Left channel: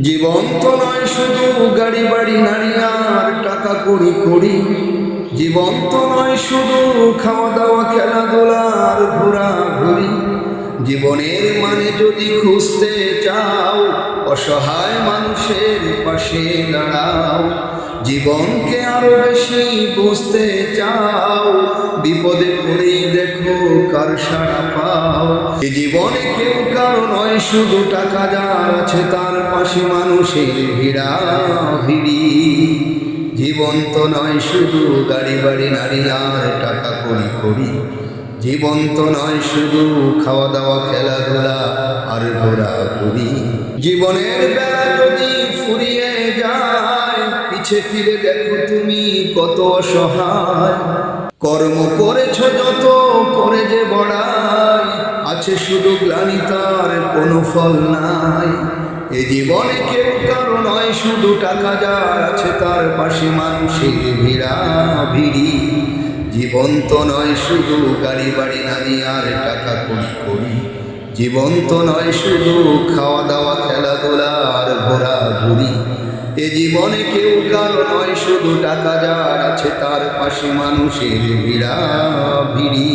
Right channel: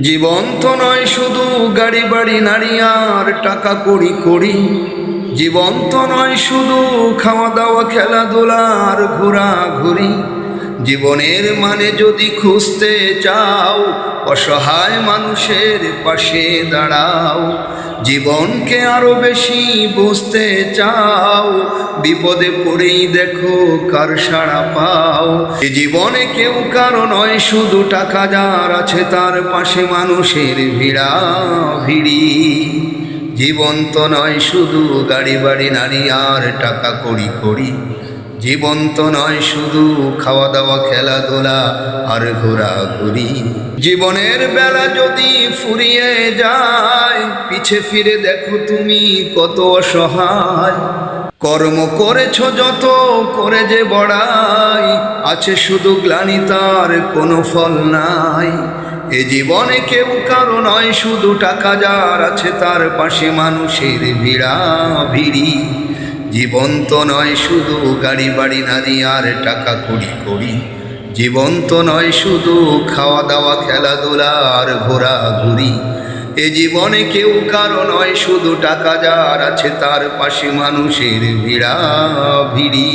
জীবন তো নয় শুধু গাড়ি, বাড়ি, নারী আর টাকা করি করি জীবন তো নয় শুধু খাওয়া দাওয়া, খেলাধুলা আর ঘোরাঘুরি। জীবনের মানে যদি খুঁজতে চাও, অসহায় মানুষের পাশে দাঁড়াও। জীবনকে আরও বেশি বুঝতে চাও। বিপদে পড়েই দেখো কার সাড়া পাও। জীবনে কেউ কারও নয়, শুধু টাকা যার আছে তার পাশে মানুষের ভিড়া ভিড়ি। জীবন তো নয়, শুধু গাড়ি বাড়ি, নারী আর টাকা করি করি জীবন তো নয়, শুধু খাওয়া দাওয়া, খেলাধুলা আর ঘোরাঘুরি। জীবনের বেলা যদি ফুরিয়ে যায় পিছে ফিরে দেখো তুমি কত অসহায়। কর্ম করেছ যত, করে যে বড়াই। আছে শুধু গ্লানি, তার কোনো ফল নাই। এ জীবনে কেউ কারও নয়, শুধু টাকা যার আছে তার পাশে মানুষের ভিড়া ভিড়ি। জীবন তো নয় শুধু গাড়ি, বাড়ি, নারী, আর টাকা করি করি জীবন তো নয় শুধু খাওয়া দাওয়া, খেলাধুলা, আর ঘোরাঘুরি। এ জীবনে কেউ কারও নয় শুধু টাকা যার আছে তার পাশে মানুষের ভিড়া ভিড়ি।